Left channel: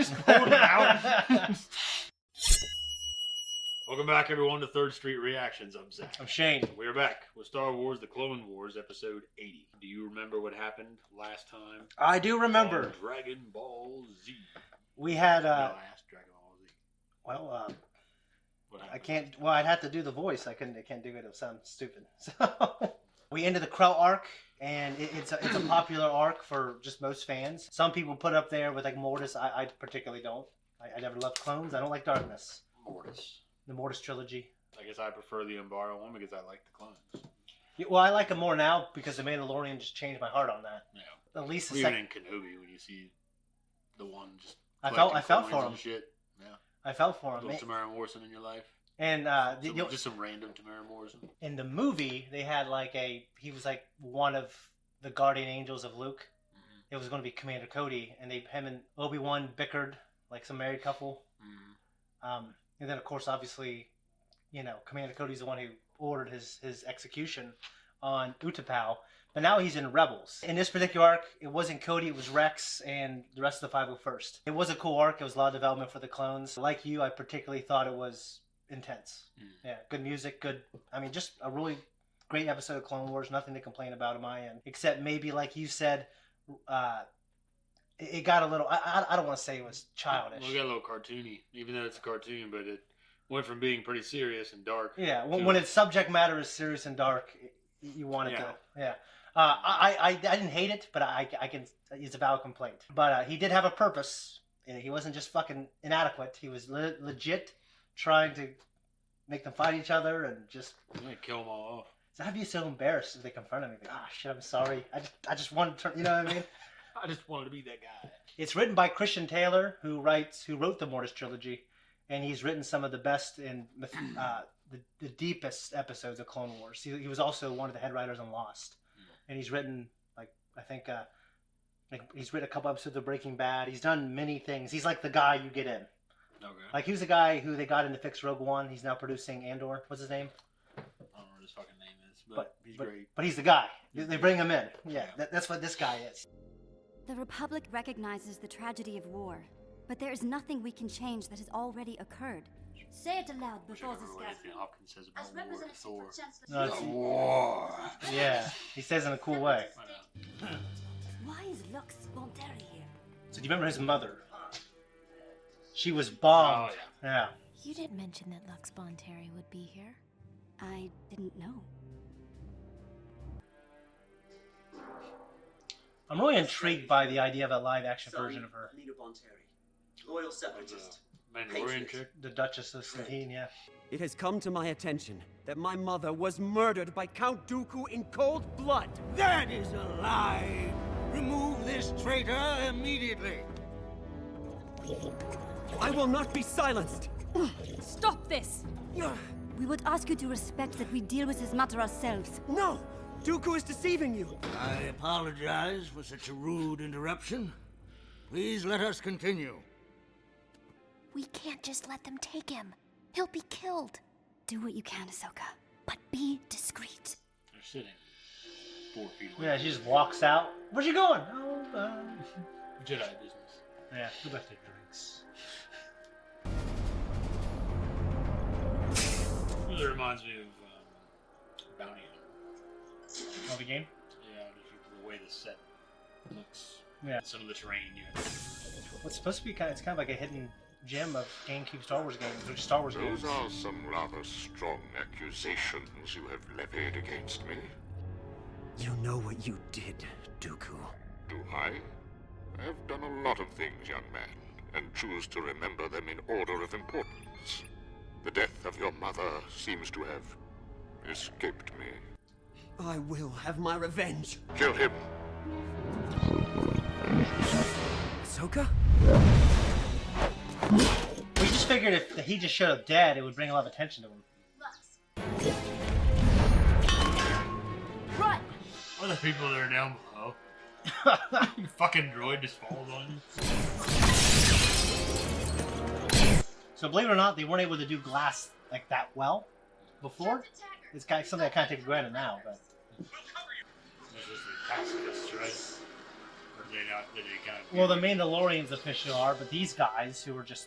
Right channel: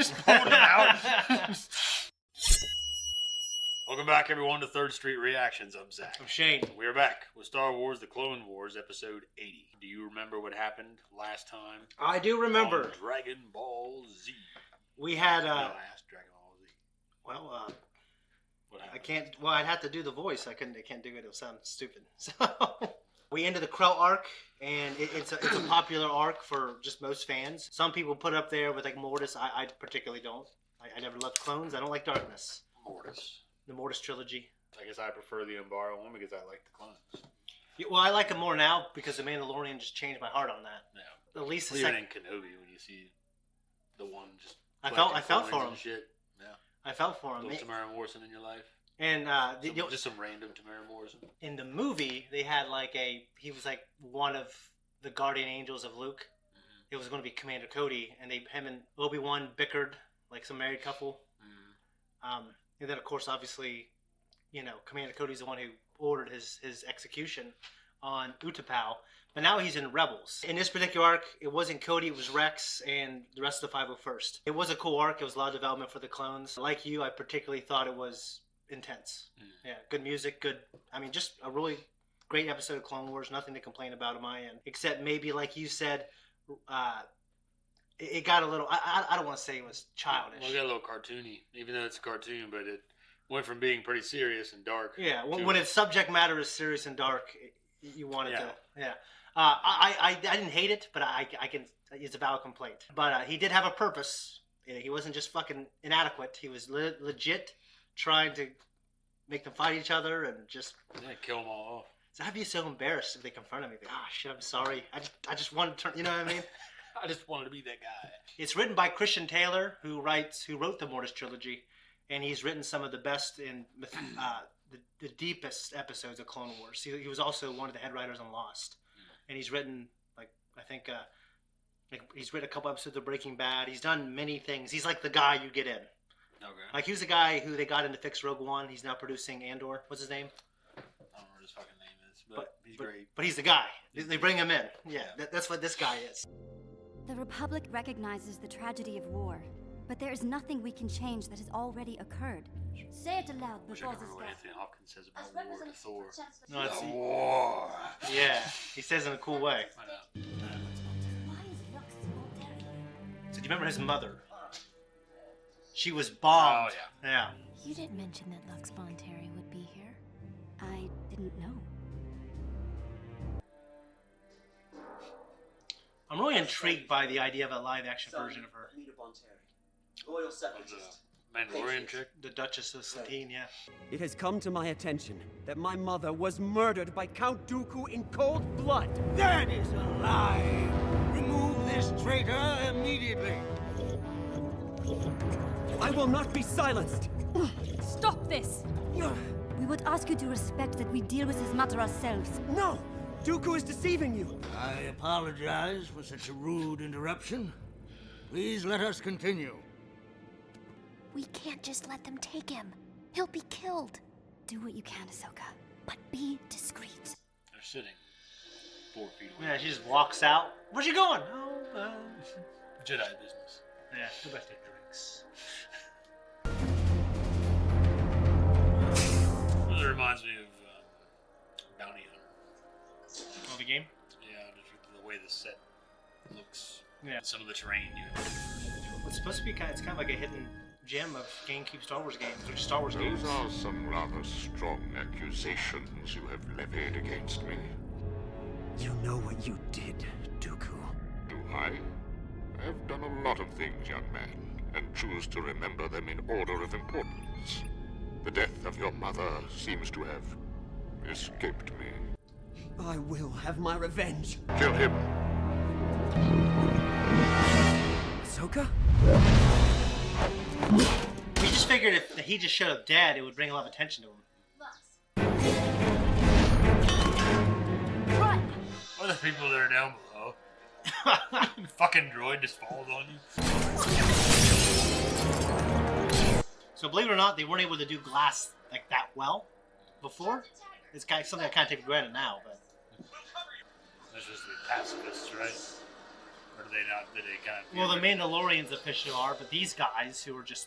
Just pulled it out. Welcome back, everyone, to Third Street Reactions. I'm Zach. I'm Shane. We're back with Star Wars, the Clone Wars, episode 80. Do you remember what happened last time? I do remember. On Dragon Ball Z. We had, No, I asked Dragon Ball Z. well, What I happened? can't, well, I'd have to do the voice. I can't do it. It'll sound stupid. So, we ended the Krell arc, and it's a popular arc for just most fans. Some people put up there with, like, Mortis. I particularly don't. I never loved clones. I don't like darkness. Mortis. The Mortis trilogy. I guess I prefer the Umbara one because I like the clones. Yeah, well, I like them more now because the Mandalorian just changed my heart on that. Yeah. At least the Well, even second. in Kenobi, when you see the one just I felt collecting for coins him. and shit. Yeah. I felt for him. Little Tamara Morrison in your life? And Just some random Tamara Morrison? in the movie, they had like he was like one of the guardian angels of Luke. Mm-hmm. It was going to be Commander Cody, and him and Obi-Wan bickered like some married couple. Mm-hmm. And then, of course, obviously, you know, Commander Cody's the one who ordered his execution on Utapau. But now he's in Rebels. In this particular arc, it wasn't Cody, it was Rex and the rest of the 501st. It was a cool arc. It was a lot of development for the clones. Like you, I particularly thought it was intense. Yeah, good music, good. I mean, just a really great episode of Clone Wars. Nothing to complain about on my end, except maybe, like you said, it got a little. I don't want to say it was childish. Well, it got a little cartoony, even though it's a cartoon, but it went from being pretty serious and dark. Yeah, when its subject matter is serious and dark, you want it to. Yeah. I didn't hate it, but I can. It's a valid complaint. But he did have a purpose. He wasn't just fucking inadequate. He was legit trying to make them fight each other and just kill them all off. So I'd be so embarrassed if they confronted me. Like, oh shit, I'm sorry. I just wanted to turn. You know what I mean? I just wanted to be that guy. It's written by Christian Taylor, who wrote the Mortis trilogy, and he's written some of the best and the deepest episodes of Clone Wars. He was also one of the head writers on Lost, and he's written he's written a couple episodes of Breaking Bad. He's done many things. He's like the guy you get in. Okay. Like he was the guy who they got in to fix Rogue One. He's now producing Andor. What's his name? I don't know what his fucking name is, but he's great. But he's the guy. They bring him in. Yeah, that's what this guy is. The Republic recognizes the tragedy of war, but there is nothing we can change that has already occurred. Say it aloud before this What gets... Anthony Hopkins says about war and Thor. No, it's, War. yeah, he says it in a cool way. Why is Lux Monteri here? So do you remember his mother? She was bombed. Oh, Yeah. You didn't mention that Lux Monteri would be here. I didn't know. I'm really intrigued by the idea of a live-action version of her. Anita Bonteri, loyal separatist. Mandalorian chick. The Duchess of Satine, yeah. It has come to my attention that my mother was murdered by Count Dooku in cold blood. That is a lie! Remove this traitor immediately! I will not be silenced. Stop this! We would ask you to respect that we deal with his matter ourselves. No! Dooku is deceiving you. I apologize for such a rude interruption. Please let us continue. We can't just let them take him. He'll be killed. Do what you can, Ahsoka, but be discreet. They're sitting 4 feet away. Yeah, she just walks out. Where's you going? Oh, Jedi business. yeah, go back to drinks. It reminds me of Bounty Hunter. Oh, the game? Yeah, just the way the set looks. Yeah. Some of the terrain you have. It's supposed to be it's kind of like a hidden gem of GameCube Star Wars games, or Star Wars games. Those are some rather strong accusations you have levied against me. You know what you did, Dooku. Do I? I have done a lot of things, young man, and choose to remember them in order of importance. The death of your mother seems to have escaped me. I will have my revenge. Kill him. Ahsoka? We just figured if he just showed up dead, it would bring a lot of attention to him. Run! What are the people that are down below? Fucking droid just falls on you. So believe it or not, they weren't able to do glass like that well before. It's kind of something I kind of take for granted now, but This was the pacifists, right? Or Did they not? Did they kind of? Well, the Mandalorians officially are, but these guys who are just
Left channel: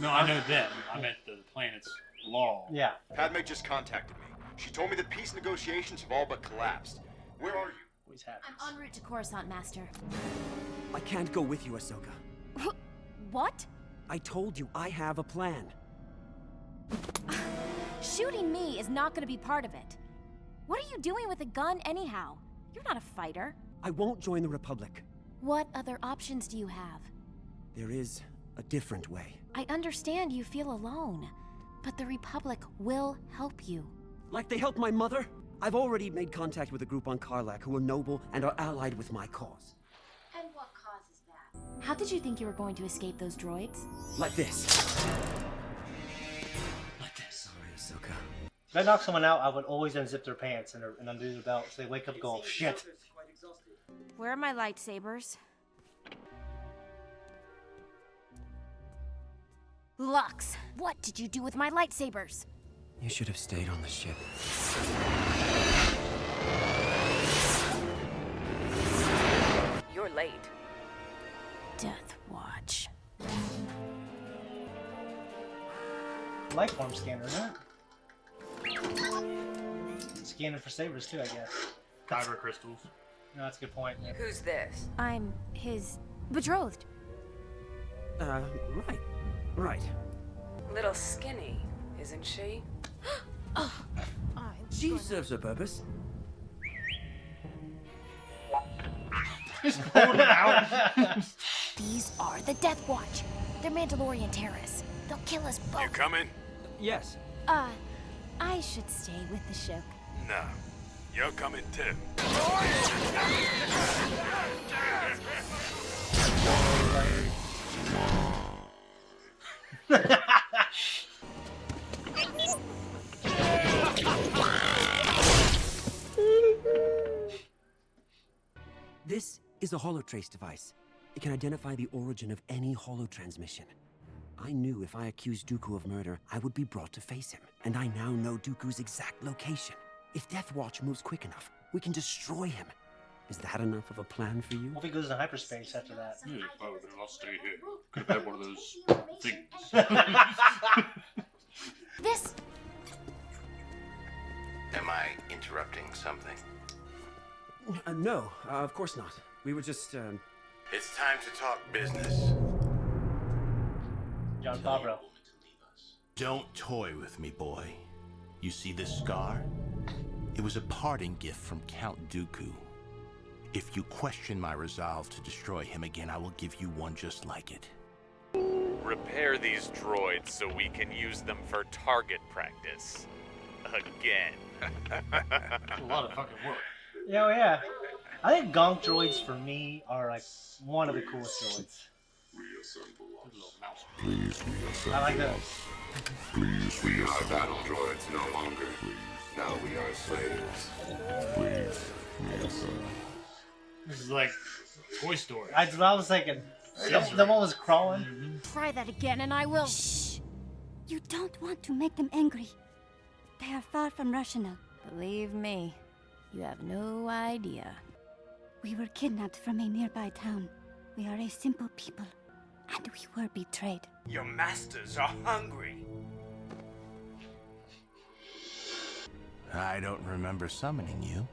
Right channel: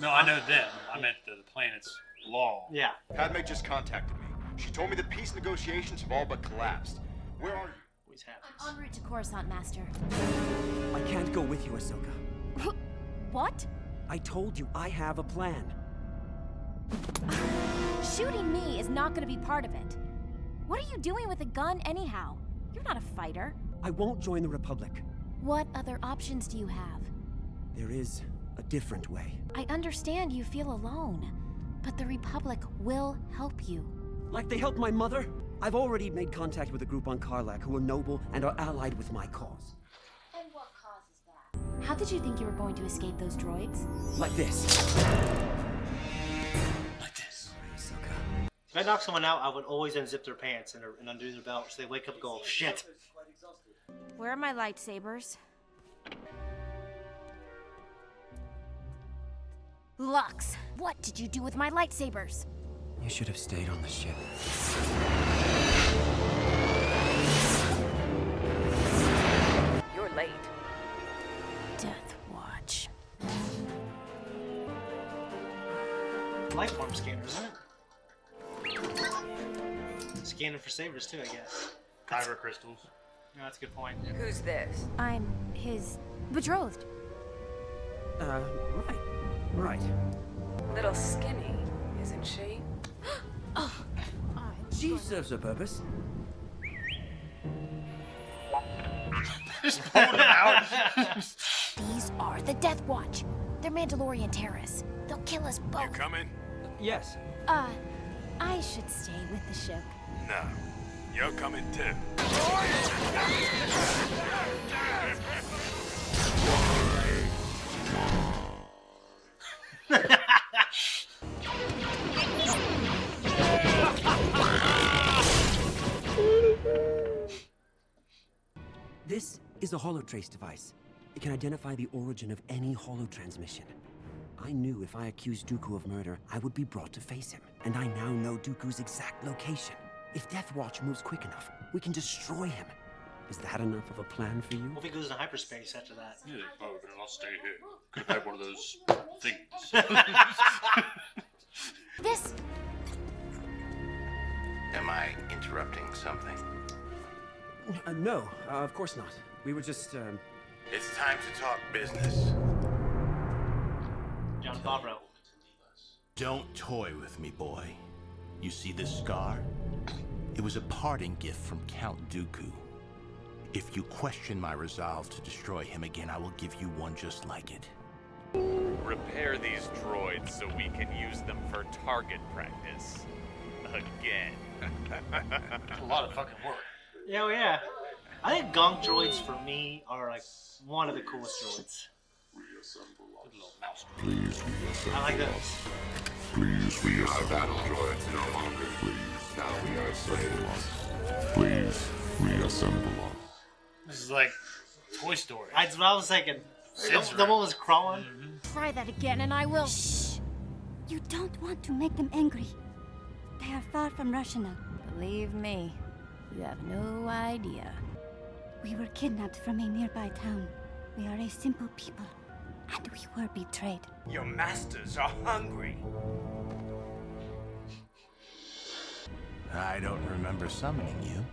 No, I know them. I meant the planet's law. yeah. Padme just contacted me. She told me the peace negotiations have all but collapsed. Where are you? Always happens. I'm en route to Coruscant, Master. I can't go with you, Ahsoka. What? I told you I have a plan. Shooting me is not gonna be part of it. What are you doing with a gun anyhow? You're not a fighter. I won't join the Republic. What other options do you have? There is a different way. I understand you feel alone, but the Republic will help you. Like they helped my mother? I've already made contact with a group on Karlak who are noble and are allied with my cause. And what causes that? How did you think you were going to escape those droids? Like this. Like this. Sorry, Ahsoka. If I knock someone out, I would always unzip their pants and undo their belt so they wake up and go, shit. Where are my lightsabers? Lux, what did you do with my lightsabers? You should have stayed on the ship. You're late. Death Watch. Lifeform scanner, isn't it? Scanning for sabers too, I guess. Kyber crystals. No, that's a good point. Who's this? I'm his betrothed. Right. Little skinny, isn't she? She serves a purpose. Just pulled it out. These are the Death Watch. They're Mandalorian terrorists. They'll kill us both. You coming? Yes. I should stay with the ship. No. You're coming too. This is a holotrace device. It can identify the origin of any holotransmission. I knew if I accused Dooku of murder, I would be brought to face him. And I now know Dooku's exact location. If Death Watch moves quick enough, we can destroy him. Is that enough of a plan for you? What if he goes to hyperspace after that? Oh, then I'll stay here. Get that one of those things. This. Am I interrupting something? No, of course not. We were just, It's time to talk business. John Favreau. Don't toy with me, boy. You see this scar? It was a parting gift from Count Dooku. If you question my resolve to destroy him again, I will give you one just like it. Repair these droids so we can use them for target practice. Again. A lot of fucking work. Yeah, yeah. I think gonk droids for me are like one of the coolest droids. Please reassemble I like that. us. Please reassemble our battle droids no longer. Please. Now we are slaves. Please reassemble us. This is like Toy Story. That's what I was thinking. The one was crawling. Try that again and I will. Shh! You don't want to make them angry. They are far from rational. Believe me, you have no idea. We were kidnapped from a nearby town. We are a simple people, and we were betrayed. Your masters are hungry. I don't remember summoning you.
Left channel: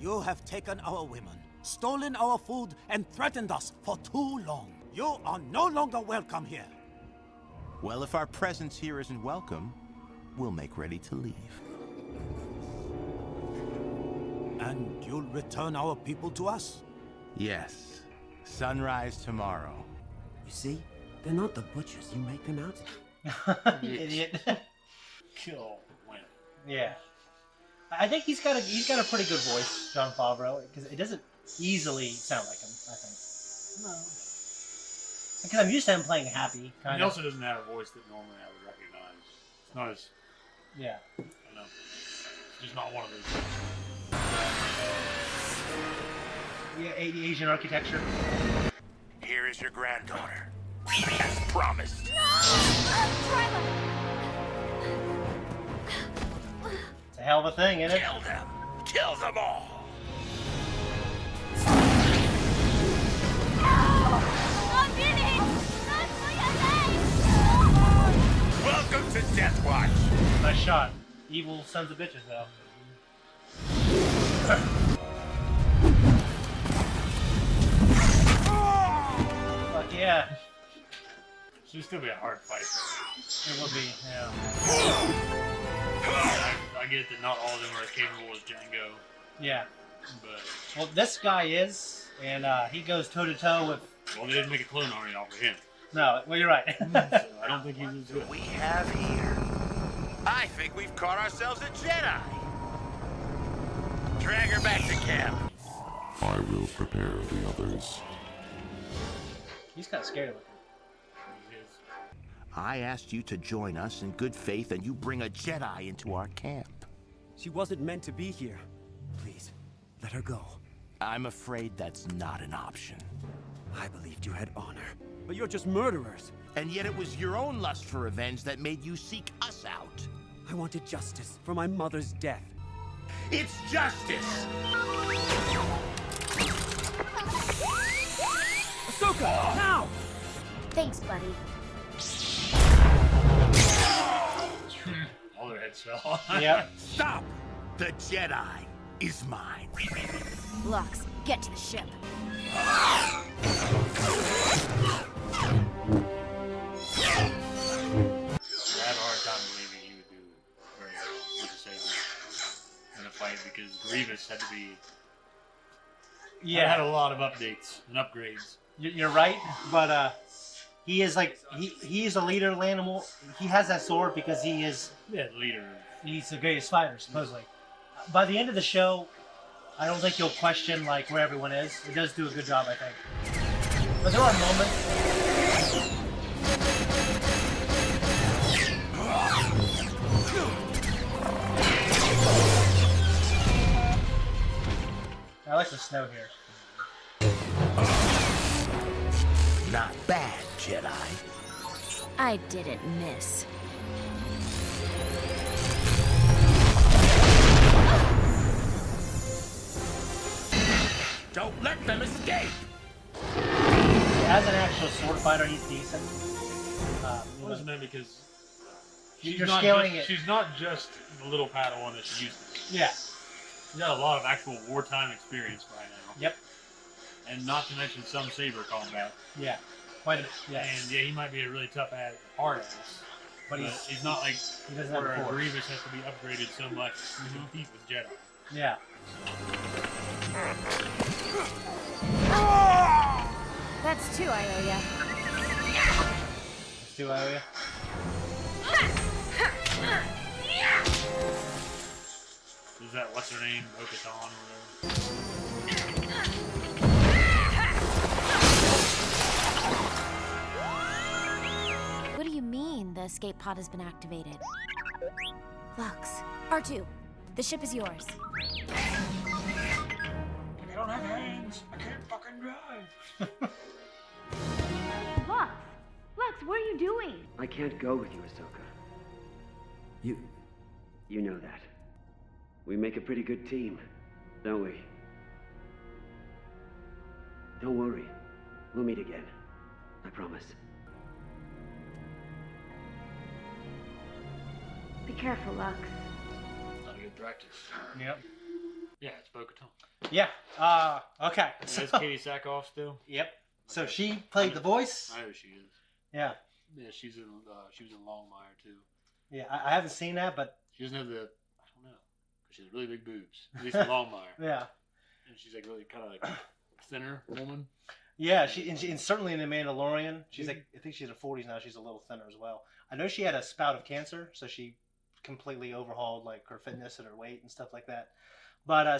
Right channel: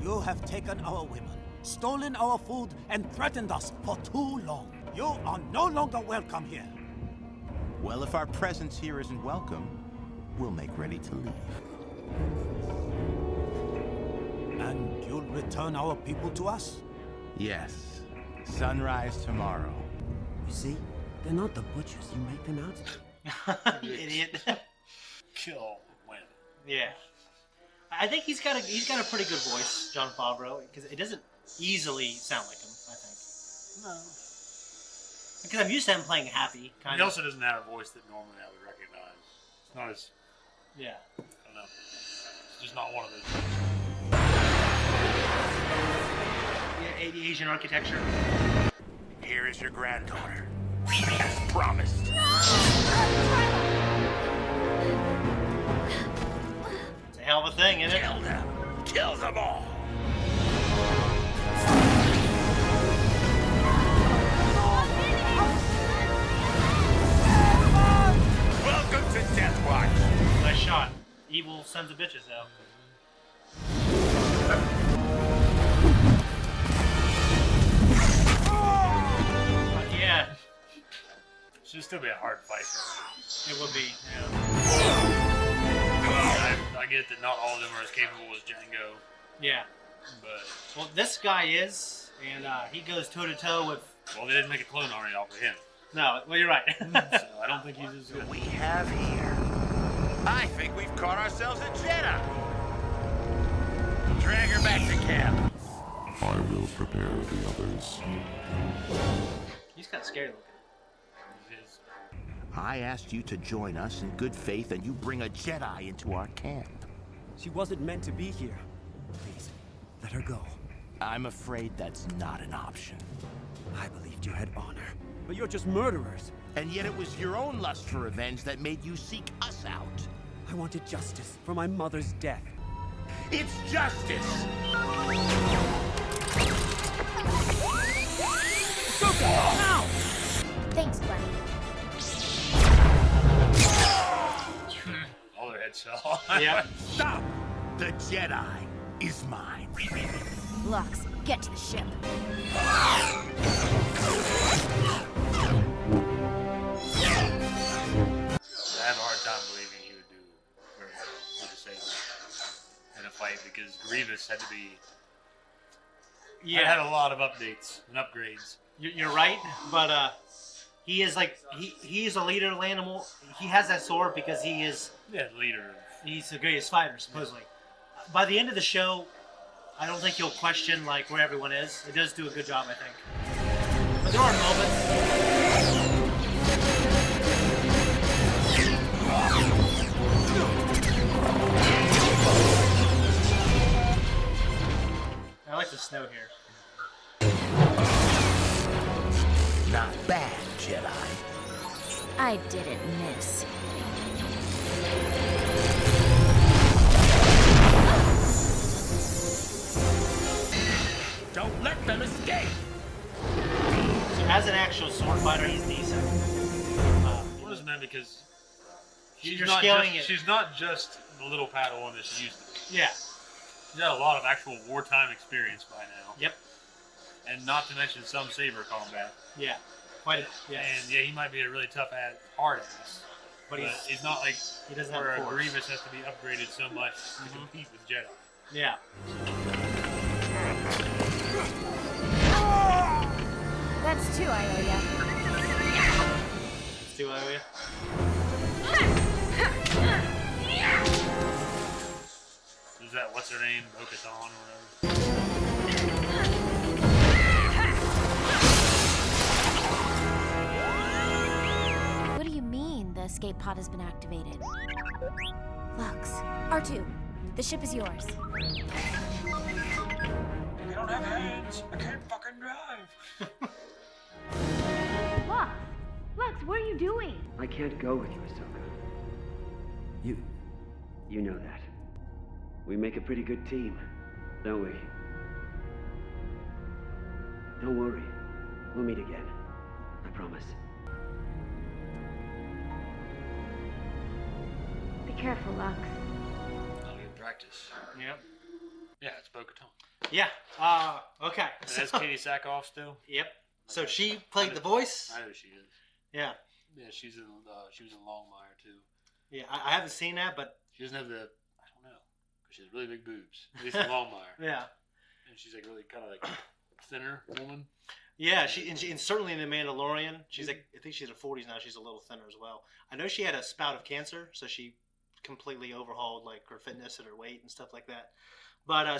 You have taken our women, stolen our food, and threatened us for too long. You are no longer welcome here. Well, if our presence here isn't welcome, we'll make ready to leave. And you'll return our people to us? Yes. Sunrise tomorrow. you see? They're not the butchers you make them out. You idiot. Kill when? Yeah. I think he's got a pretty good voice, John Favreau, because it doesn't easily sound like him, I think. No. Because I'm used to him playing happy, kind He of. also doesn't have a voice that normally I would recognize. It's not as, Yeah. I don't know. It's just not one of those. Yeah, Asian architecture. Here is your granddaughter. As promised. It's a hell of a thing, isn't it? Kill them. Kill them all. evil sons of bitches out. But yeah, Should still be a hard fight. it would be. Yeah. I get that not all of them are as capable as Django, Yeah. but Well, this guy is, and he goes toe to toe with. well, they didn't make a clone army off of him. No, well, you're right. So I don't think he's as good. We have here. I think we've caught ourselves a Jedi. Drag her back to camp. I will prepare the others. He's kind of scary looking. I asked you to join us in good faith, and you bring a Jedi into our camp. She wasn't meant to be here. Please, let her go. I'm afraid that's not an option. I believed you had honor, but you're just murderers. And yet it was your own lust for revenge that made you seek us out. I wanted justice for my mother's death. It's justice! Ahsoka, now! Thanks, buddy. All their heads fell. Yep. Stop! The Jedi is mine. Lux, get to the ship. I have a hard time believing he would do very well with the Sith in a fight because Grievous had to be. Yeah. Had a lot of updates and upgrades. You're right, but he is like he's a leader of the animal. He has that sword because he is. Yeah, leader. He's the greatest fighter, supposedly. By the end of the show, I don't think you'll question like where everyone is. It does do a good job, I think. But there are moments. I like the snow here. Not bad, Jedi. I didn't miss. Don't let them escape! As an actual sword fighter, he's decent. It wasn't that because You're scaling it. She's not just the little Padawan that she used to be. Yeah. She's got a lot of actual wartime experience by now. Yep. And not to mention some saber combat. Yeah. Quite a, yeah. And yeah, he might be a really tough ass, hard ass. But he's not like he doesn't have where a force. Grievous has to be upgraded so much to compete with Jedi. Yeah. That's two, Ioya. Let's do Ioya. Is that what's her name? Bo-Katan or whatever? What do you mean the escape pod has been activated? Lux, R2, the ship is yours. I don't have hands. I can't fucking drive. Lux, what are you doing? I can't go with you, Ahsoka. You know that. We make a pretty good team, don't we? Don't worry. We'll meet again. I promise. Be careful, Lux. Not good practice. Yeah. Yeah, it's Bo-Katan. Yeah. Okay. That's Katie Sackhoff still. Yep. So she played the voice. I know she is. Yeah. Yeah, she was in Longmire too. Yeah, I haven't seen that, but She doesn't have the, I don't know, 'cause she has really big boobs. At least in Longmire. yeah. And she's like really kind of like thinner woman. Yeah, and certainly in The Mandalorian, she's like, I think she's in her 40s now. She's a little thinner as well. I know she had a spout of cancer, so she completely overhauled like her fitness and her weight and stuff like that. But I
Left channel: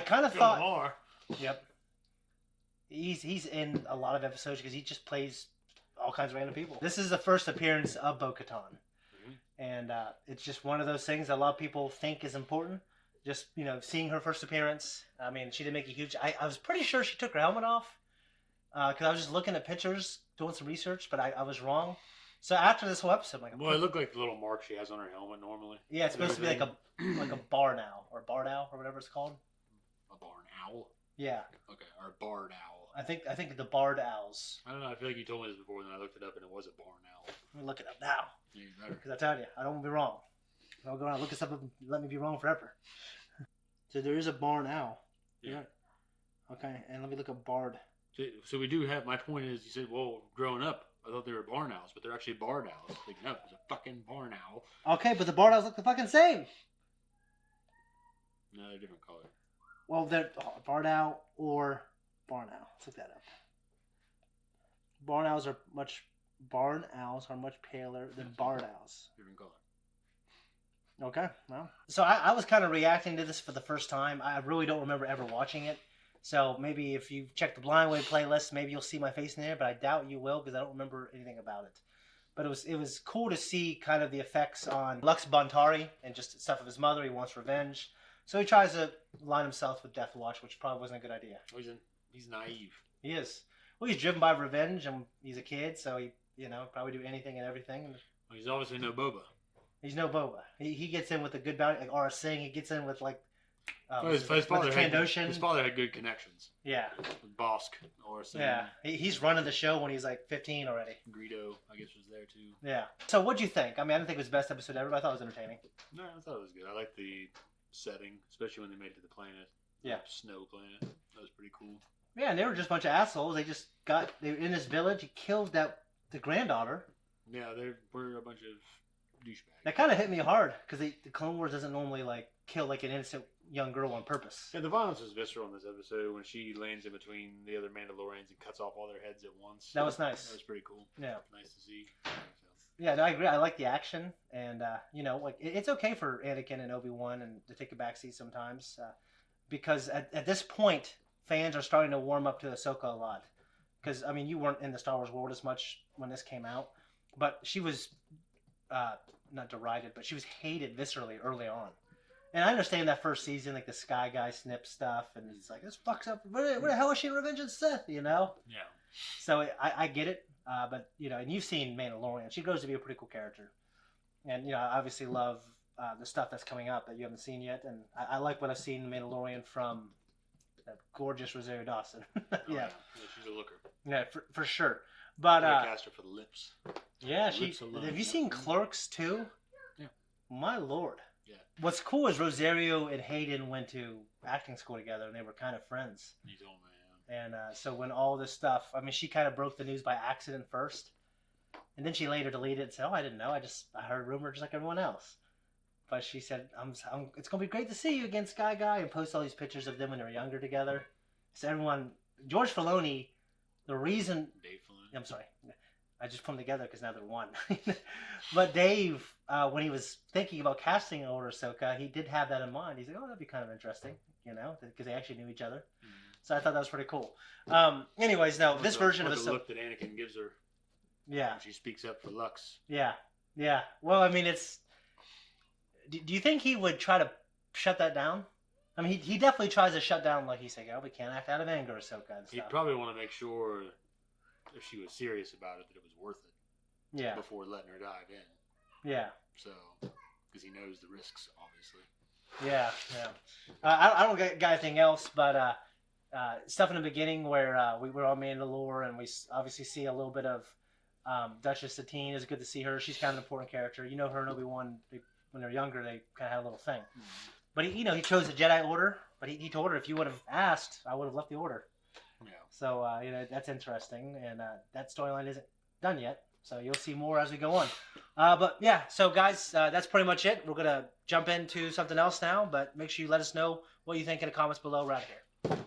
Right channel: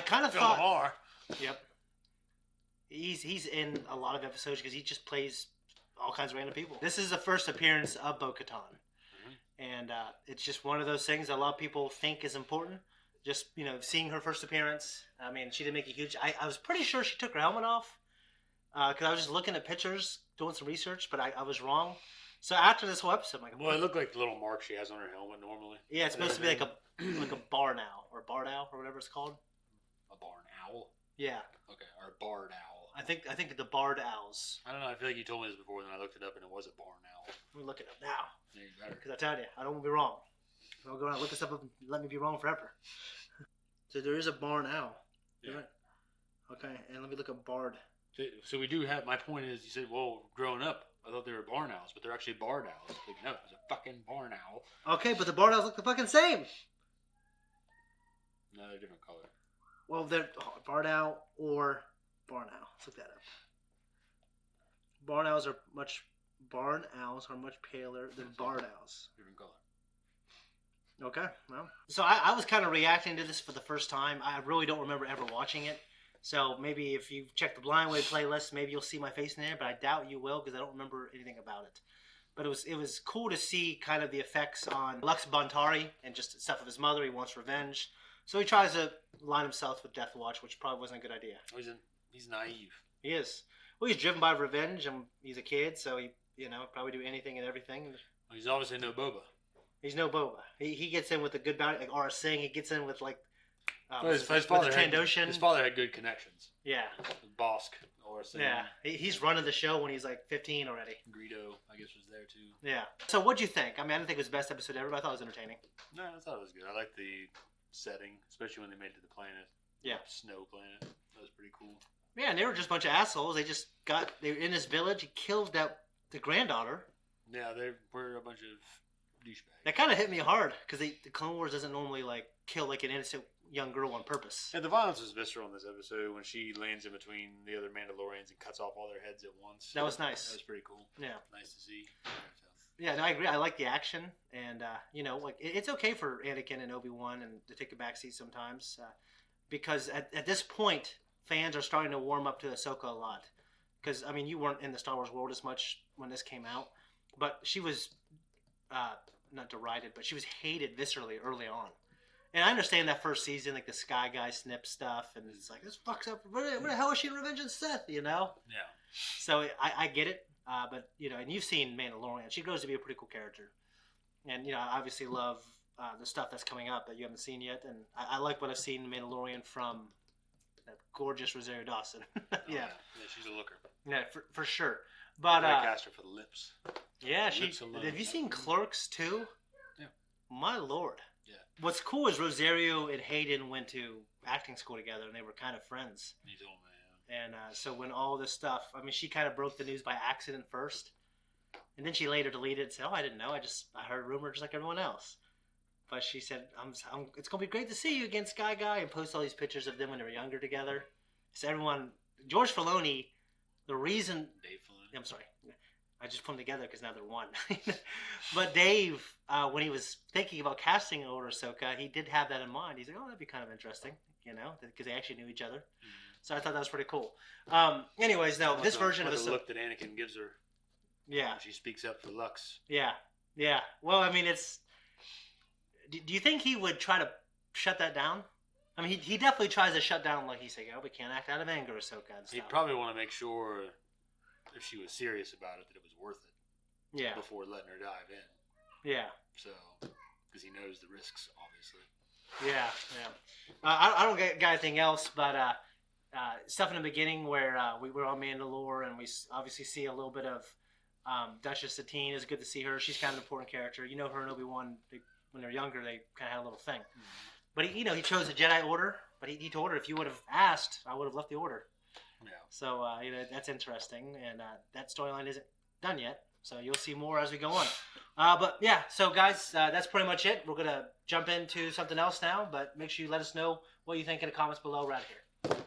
kind of thought, yep, he's in a lot of episodes because he just plays all kinds of random people. This is the first appearance of Bo-Katan, and it's just one of those things that a lot of people think is important. Just, seeing her first appearance. I mean, she didn't make a huge... I was pretty sure she took her helmet off. Because I was just looking at pictures, doing some research, but I was wrong. So after this whole episode, I'm like... Well, it looked like the little mark she has on her helmet normally. Yeah, it's supposed to be like a barn owl. Or barn owl, or whatever it's called. A barn owl? Yeah. Okay, or a barred owl. I think the barred owls. I don't know, I feel like you told me this before, and then I looked it up, and it was a barn owl. Let me look it up now. Yeah, you better. Because I tell you, I don't want to be wrong. I'll go around and look this up and let me be wrong forever. So there is a barn owl. Yeah. Right. Okay, and let me look up Bard. So we do have. My point is, you said, well, growing up, I thought they were barn owls, but they're actually barn owls. Like, no, it's a fucking barn owl. Okay, but the barn owls look the fucking same. No, they're different color. Well, they're barn owl or barn owl. Let's look that up. Barn owls are much paler than barred owls. Different color. Okay, well. So I was kind of reacting to this for the first time. I really don't remember ever watching it. So maybe if you check the Blind Way playlist, maybe you'll see my face in there, but I doubt you will because I don't remember anything about it. But it was cool to see kind of the effects on Lux Bontari and just stuff of his mother. He wants revenge. So he tries to line himself with Death Watch, which probably wasn't a good idea. Oh, he's naive. He is. Well, he's driven by revenge, and he's a kid, so he, probably do anything and everything. Well, he's obviously no Boba. He's no Boba. He gets in with a good bounty, like Aura Singh. He gets in with, like, His with father the Trandoshan. His father had good connections. Yeah. With Bosk, Aura Singh. Yeah. He's running the show when he's, like, 15 already. Greedo, I guess, was there, too. Yeah. So what'd you think? I mean, I didn't think it was the best episode ever, but I thought it was entertaining. No, I thought it was good. I liked the setting, especially when they made it to the planet. Yeah. Snow planet. That was pretty cool. Yeah, and they were just a bunch of assholes. They were in this village. He killed the granddaughter. Yeah, they were a bunch of douchebags. That kind of hit me hard because the Clone Wars doesn't normally like kill like an innocent young girl on purpose. Yeah, the violence was visceral in this episode when she lands in between the other Mandalorians and cuts off all their heads at once. That was nice. That was pretty cool. Yeah, nice to see. Yeah, no, I agree. I like the action, and like it's okay for Anakin and Obi-Wan and to take a backseat sometimes, because at this point, fans are starting to warm up to Ahsoka a lot. Because I mean, you weren't in the Star Wars world as much when this came out, but she was not derided, but she was hated viscerally early on. And I understand that first season, like the Sky Guy snip stuff, and it's like this fucks up. Where the hell is she revenging Sith? Yeah. So I get it. But and you've seen Mandalorian. She grows to be a pretty cool character, and I obviously love the stuff that's coming up that you haven't seen yet. And I like what I've seen in Mandalorian from that gorgeous Rosario Dawson. Yeah, she's a looker. Yeah, for sure. But cast her for the lips. Yeah, have you seen Clerks too? Yeah. My lord. Yeah. What's cool is Rosario and Hayden went to acting school together, and they were kind of friends. Me too. And so when all this stuff, I mean, she kind of broke the news by accident first, and then she later deleted it and said, "Oh, I didn't know. I heard a rumor just like everyone else." But she said, "It's gonna be great to see you again, Sky Guy," and post all these pictures of them when they were younger together. So everyone, George Filoni, the reason, Dave Filoni. I'm sorry, I just put them together because now they're one. But Dave, when he was thinking about casting over Ahsoka, he did have that in mind. He's like, "Oh, that'd be kind of interesting," because they actually knew each other. So I thought that was pretty cool. Anyways, no, this version of Ahsoka. The look that Anakin gives her. Yeah. She speaks up for Lux. Yeah. Well, I mean, it's. Do you think he would try to shut that down? I mean, he definitely tries to shut down, like he's saying, "Oh, we can't act out of anger, Ahsoka," and stuff. He'd probably want to make sure, if she was serious about it, that it was worth it. Yeah. Before letting her dive in. Yeah. So, because he knows the risks, obviously. Yeah. I don't got anything else, but stuff in the beginning where we were on Mandalore, and we obviously see a little bit of Duchess Satine. It's good to see her. She's kind of an important character. Her and Obi-Wan, when they were younger, they kind of had a little thing. But he chose the Jedi Order. But he told her, if you would have asked, I would have left the Order. Yeah. So that's interesting, and that storyline isn't done yet. So you'll see more as we go on. But yeah, so guys, that's pretty much it. We're gonna jump into something else now. But make sure you let us know what you think in the comments below right here.